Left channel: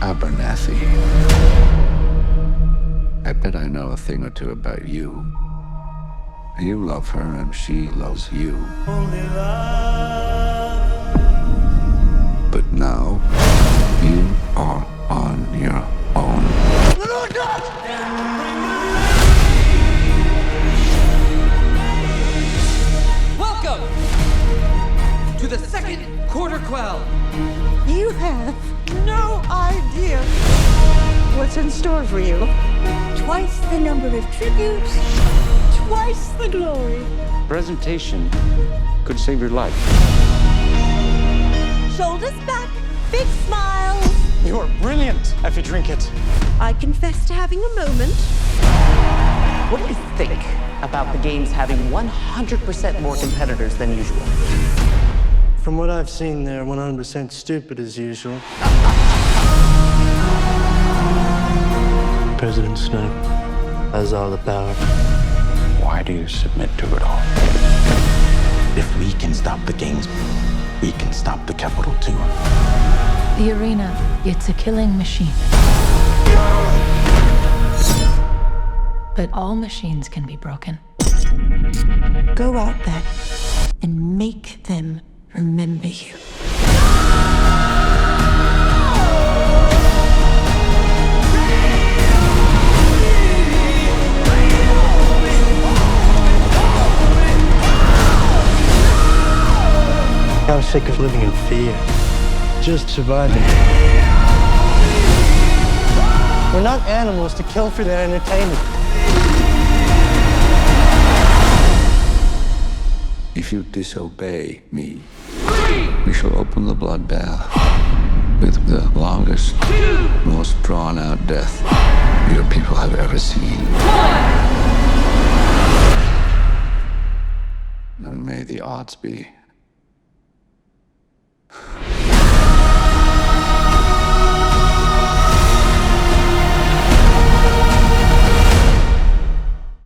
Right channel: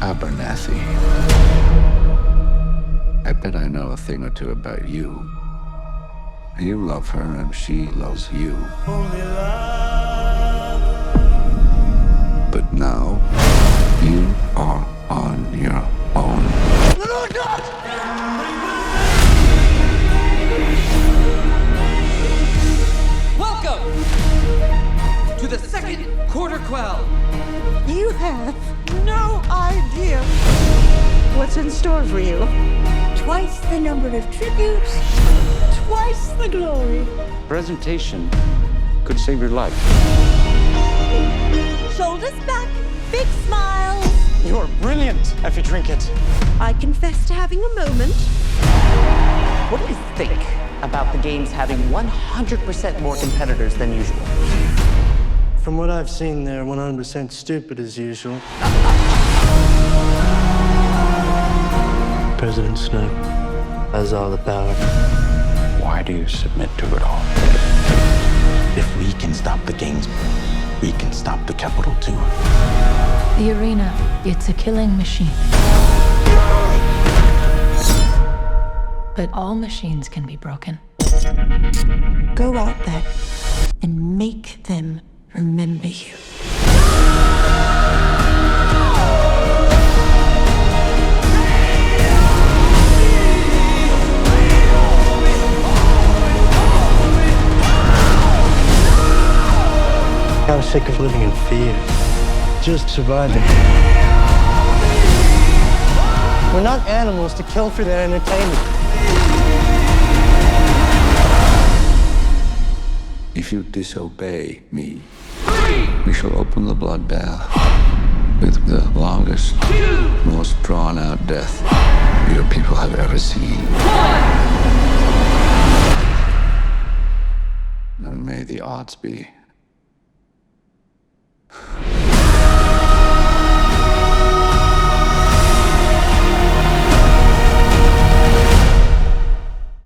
Abernathy. I bet I know a thing or two about you. You love her and she loves you. Only love. But now, you are on your own. Welcome to the second Quarter Quell. You have no idea what's in store for you. Twice the number of tributes, twice the glory. Presentation could save your life. Shoulders back, big smiles. You're brilliant, Effie Trinket. I confess to having a moment. What do you think about the games having 100% more competitors than usual? From what I've seen, they're 100% stupid as usual. President Snow has all the power. Why do you submit to it all? If we can stop the games, we can stop the Capitol too. The arena, it's a killing machine. But all machines can be broken. Go out there and make them remember you. I'm sick of living in fear. Just surviving. We're not animals to kill for their entertainment. If you disobey me, we shall open the bloodbath with the longest, most drawn-out death your people have ever seen. And may the odds be